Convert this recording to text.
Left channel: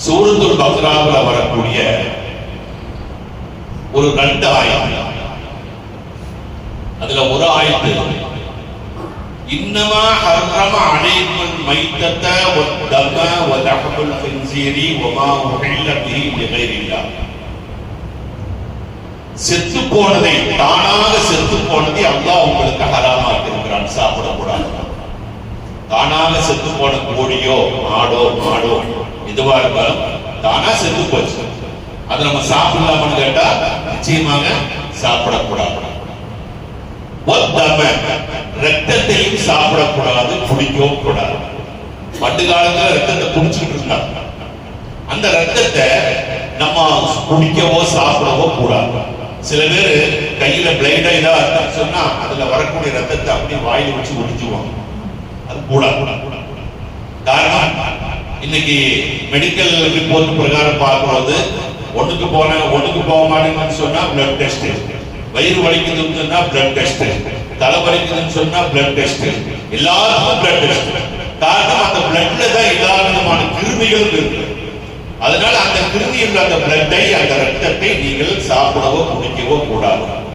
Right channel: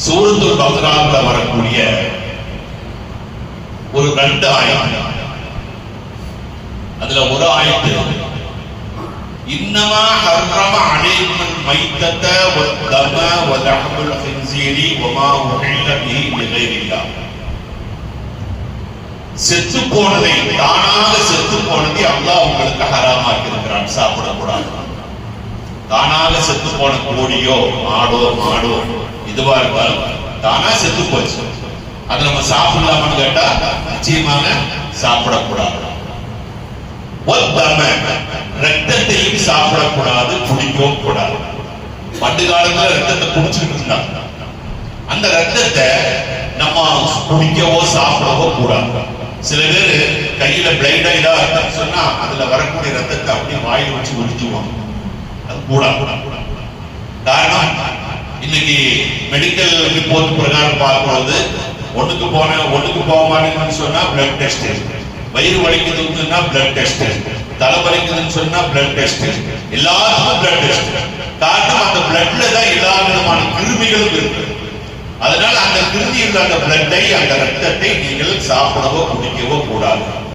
சூரத்துல் பக்ராவுல வரக்கூடிய ஒரு 2 ஆயத்து, அதுல ஒரு ஆயத்து இன்னமா ஹர்ரம அலைக்கும் மைத்தத வத்தம வலஹமுல் ஹின்ஸீரி வமா உஹில்ல பிஹி லிகைரில்லாஹ். செத்து போனதை, தானாக செத்து போனதை அல்லாஹ் உங்களுக்கு ஹராமாக்கி இருக்கிறான், சாப்பிடக்கூடாது. தானாக செத்து போன கோழியோ மாடோ இதுவா இருந்தாலும் தானா செத்து போச்சு, அதை நம்ம சாப்பிடலாமான்னு கேட்டா நிச்சயமாக சாப்பிடக்கூடாது. ரத்தத்தையும் சாப்பிடக்கூடாது, குடிக்கவும் கூடாது. பண்டு காலத்துல ரத்தத்தை குடிச்சுட்டு இருந்தாங்க, அந்த ரத்தத்தை நம்ம குடிக்கவோ சாப்பிடவோ கூடாது. சில பேர் கையில பிளைடா இதா சொன்னா அதுல வரக்கூடிய ரத்தத்தை அப்படியே வாயில வச்சு உறிஞ்சுவாங்க, அது கூடாது. காரணம், இன்னைக்கு மெடிக்கல் ரிப்போர்ட் பிரகாரம் பார்க்கும்போது ஒண்ணுக்கு போக மாட்டேன்னு சொன்னா பிளட் டெஸ்ட், வயிறு வலிக்குதுன்னு சொன்னா பிளட் டெஸ்ட், தலை வலிக்குதுன்னு சொன்னா பிளட் டெஸ்ட், எல்லாத்துக்கும் பிளட் டெஸ்ட். காரணம், அந்த பிளட்ல தான் எல்லா விதமான கிருமிகளும் இருக்கு. அதனால அந்த கிருமி உள்ள அந்த பிளட்டை, அந்த ரத்தத்தை நீங்கள் சாப்பிடவோ குடிக்கவோ கூடாது.